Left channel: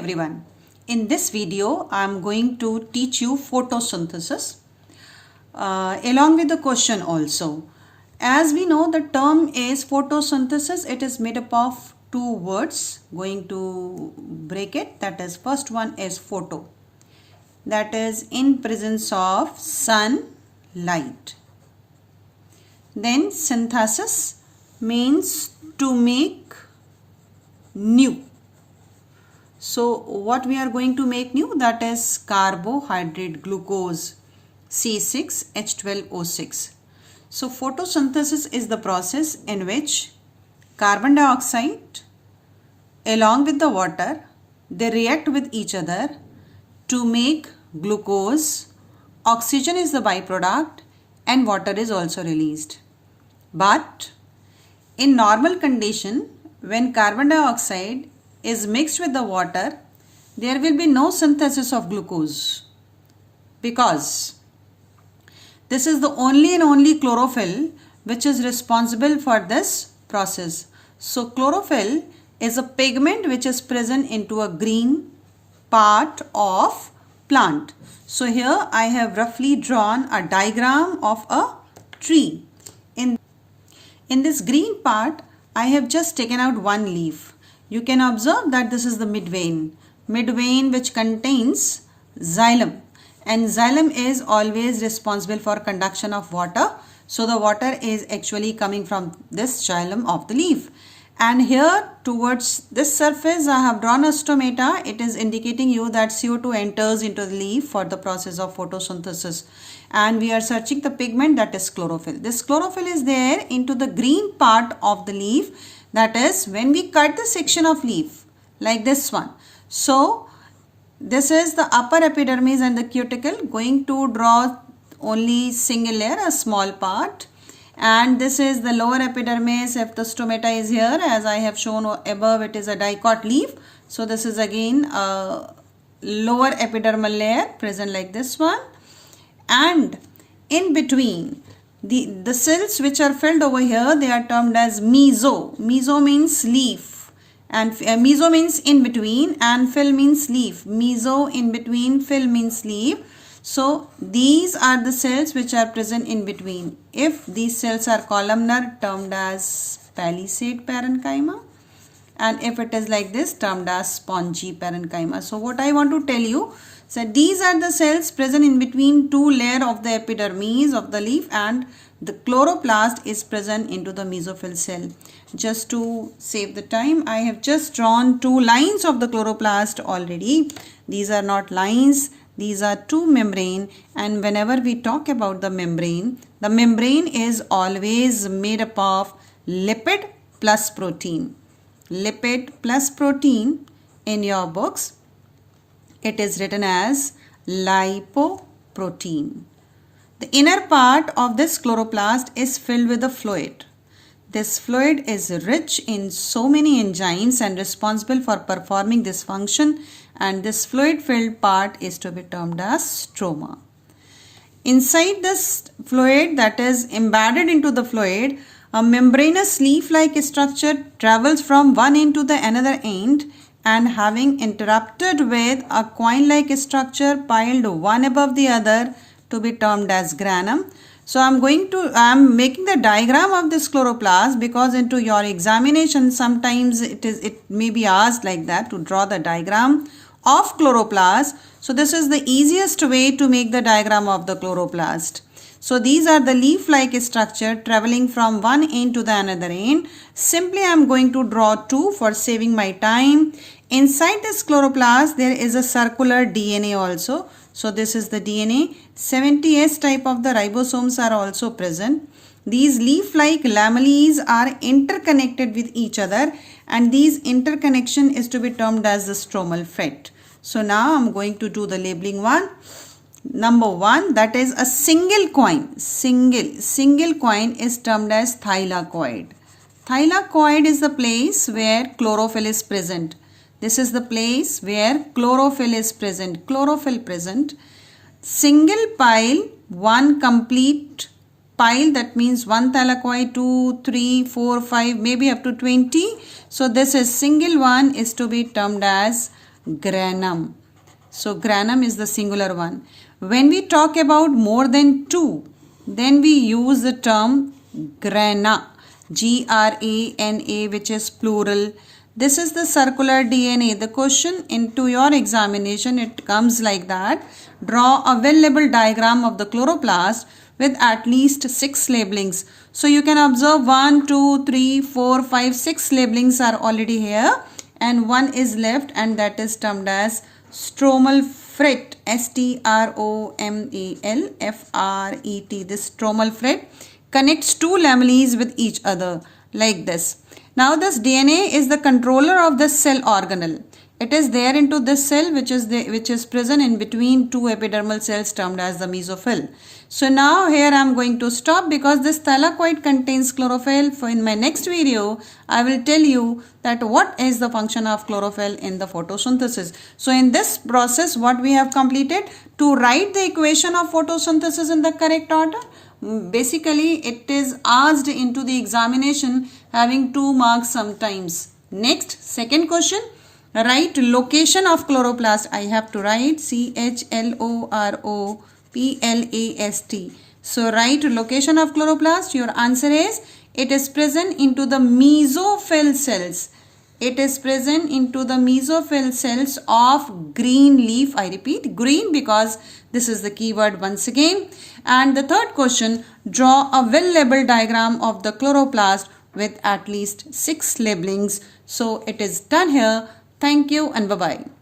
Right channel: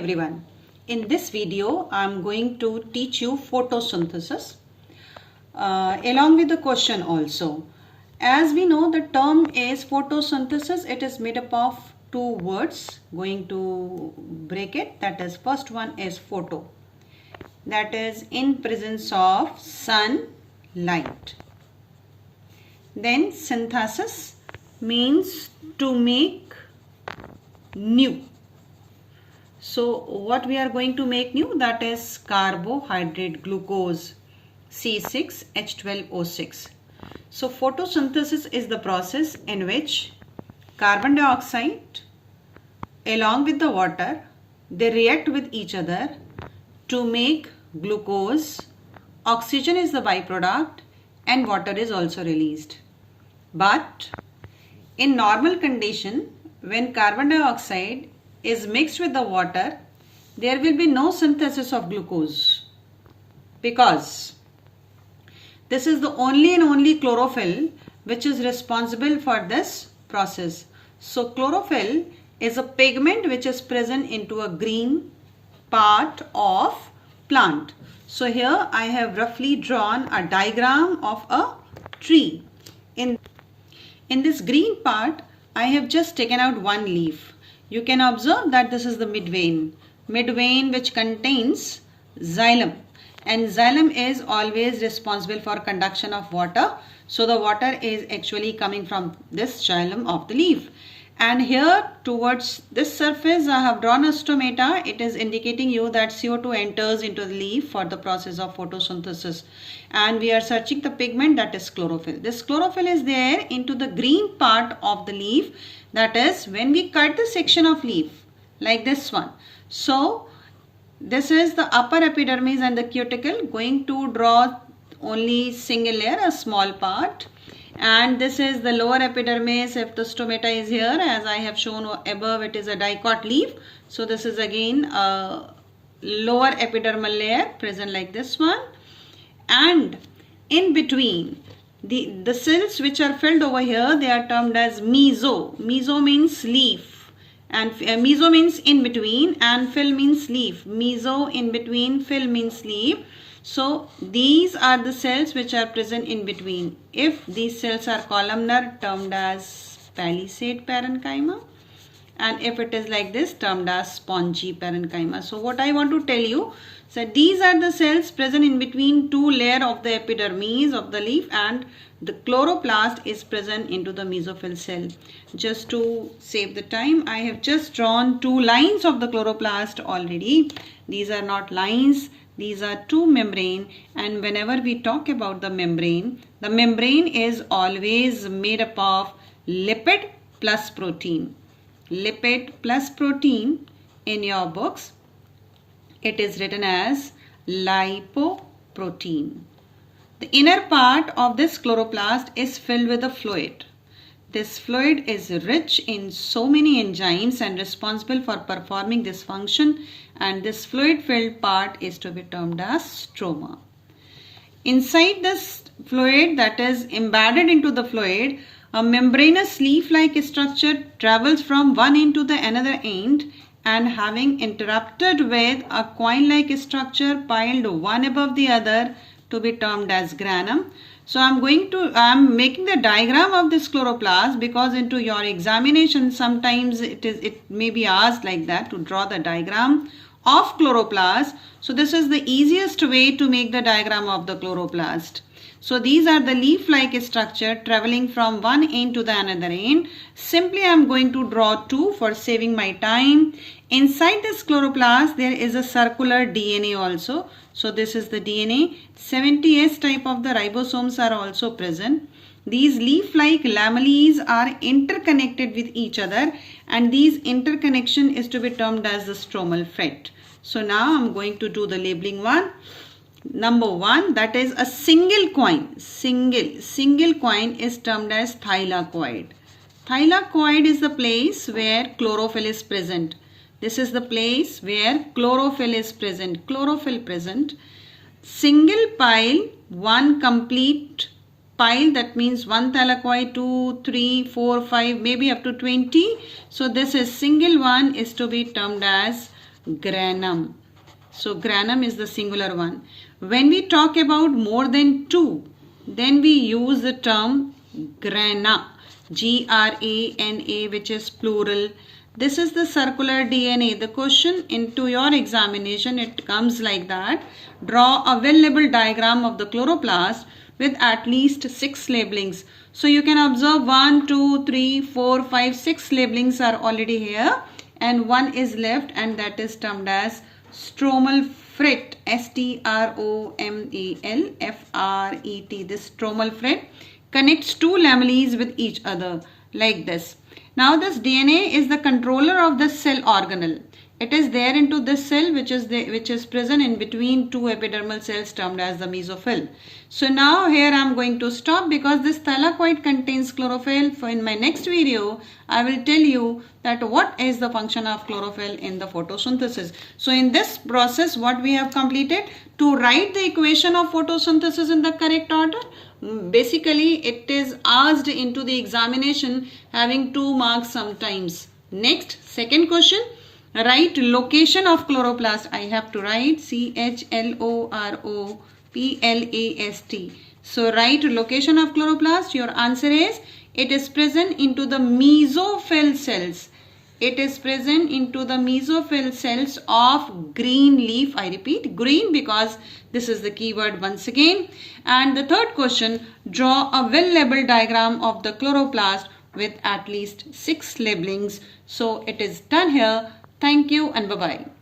everyone. In this video, I am going to teach you photosynthesis along with the question also. As we know, the term is photosynthesis. It is made up of two words. Going to break it. That is, first one is photo. That is in presence of sunlight. Then synthesis means to make new. So what we are going to make new, that is carbohydrate glucose C6H12O6. So photosynthesis is the process in which carbon dioxide along with the water, they react with each other to make glucose. Oxygen is the byproduct and water is also released. But in normal condition, when carbon dioxide is mixed with the water, there will be no synthesis of glucose because this is the only and only chlorophyll which is responsible for this process. So chlorophyll is a pigment which is present into a green part of plant. So here I have roughly drawn a diagram of a tree. In this green part, I have just taken out one leaf. You can observe that this is the midvein which contains xylem, and xylem is always responsible for conduction of water. So the water is actually coming from this xylem of the leaf. And here towards this surface I have drawn a stomata. It is indicating you that CO2 enters into the leaf for the process of photosynthesis. And we are searching the pigment, that is chlorophyll. This chlorophyll is there into the green part of the leaf. That is when we cut the section of leaf like this one. So this is the upper epidermis and the cuticle. Going to draw only single layer, a small part. And this is the lower epidermis. If the stomata is here, as I have shown above, it is a dicot leaf. So this is again a lower epidermal layer present like this one. And in between, the cells which are filled over here, they are termed as meso. Meso means leaf, and meso means in between, and fill means leaf. Meso, in between, fill means leaf. So these are the cells which are present in between. If these cells are columnar, termed as palisade parenchyma, and if it is like this, termed as spongy parenchyma. So what I want to tell you, so these are the cells present in between two layers of the epidermis of the leaf, and the chloroplast is present into the mesophyll cell. Just to save the time, I have just drawn two lines of the chloroplast already. These are not lines. These are two membrane, and whenever we talk about the membrane is always made up of lipid plus protein. Lipid plus protein, in your books it is written as lipoprotein. The inner part of this chloroplast is filled with a fluid. This fluid is rich in so many enzymes and responsible for performing this function, and this fluid filled part is to be termed as stroma. Inside this fluid, that is embedded into the fluid, a membranous leaf-like structure travels from one end to the another end, and having interrupted with a coin-like structure piled one above the other to be termed as granum. So I am making the diagram of this chloroplast because into your examination sometimes it may be asked like that, to draw the diagram of chloroplast. So this is the easiest way to make the diagram of the chloroplast. So these are the leaf-like structure traveling from one end to the another end. Simply I am going to draw two for saving my time. Inside this chloroplast there is a circular DNA also. So this is the DNA. 70S type of the ribosomes are also present. These leaf-like lamellae are interconnected with each other, and these interconnection is to be termed as the stromal fet. So now I am going to do the labeling one. Number one, that is a single coin. Single coin is termed as thylakoid. Thylakoid is the place where chlorophyll is present. This is the place where chlorophyll is present. Chlorophyll present. Single pile, one complete pile, that means one thylakoid, 2, 3, 4, 5, maybe up to 20. So this is single one is to be termed as granum. So granum is the singular one. When we talk about more than 2, then we use the term grana, G-R-A-N-A, which is plural. This is the circular DNA. The question into your examination, it comes like that. Draw a well-labeled diagram of the chloroplast with at least 6 labelings. So you can observe 1, 2, 3, 4, 5, 6 labelings are already here and one is left, and that is termed as stromal fret, S-T-R-O-M-A-L-F-R-E-T. This stromal fret connects 2 lamellae with each other like this. Now this DNA is the controller of the cell organelle. It is there into this cell which is present in between 2 epidermal cells termed as the mesophyll. So now here I am going to stop because this thylakoid contains chlorophyll. For in my next video, I will tell you that what is the function of chlorophyll in the photosynthesis. So in this process, what we have completed, to write the equation of photosynthesis in the correct order. Basically, it is asked into the examination having 2 marks sometimes. Next, second question. Write location of chloroplast. I have to write CHLOROPLAST. So write location of chloroplast. Your answer is it is present into the mesophyll cells. It is present into the mesophyll cells of green leaf. I repeat, green, because this is the keyword once again. And the third question, draw a well-labeled diagram of the chloroplast with at least 6 labelings. So it is done here. Thank you and bye-bye.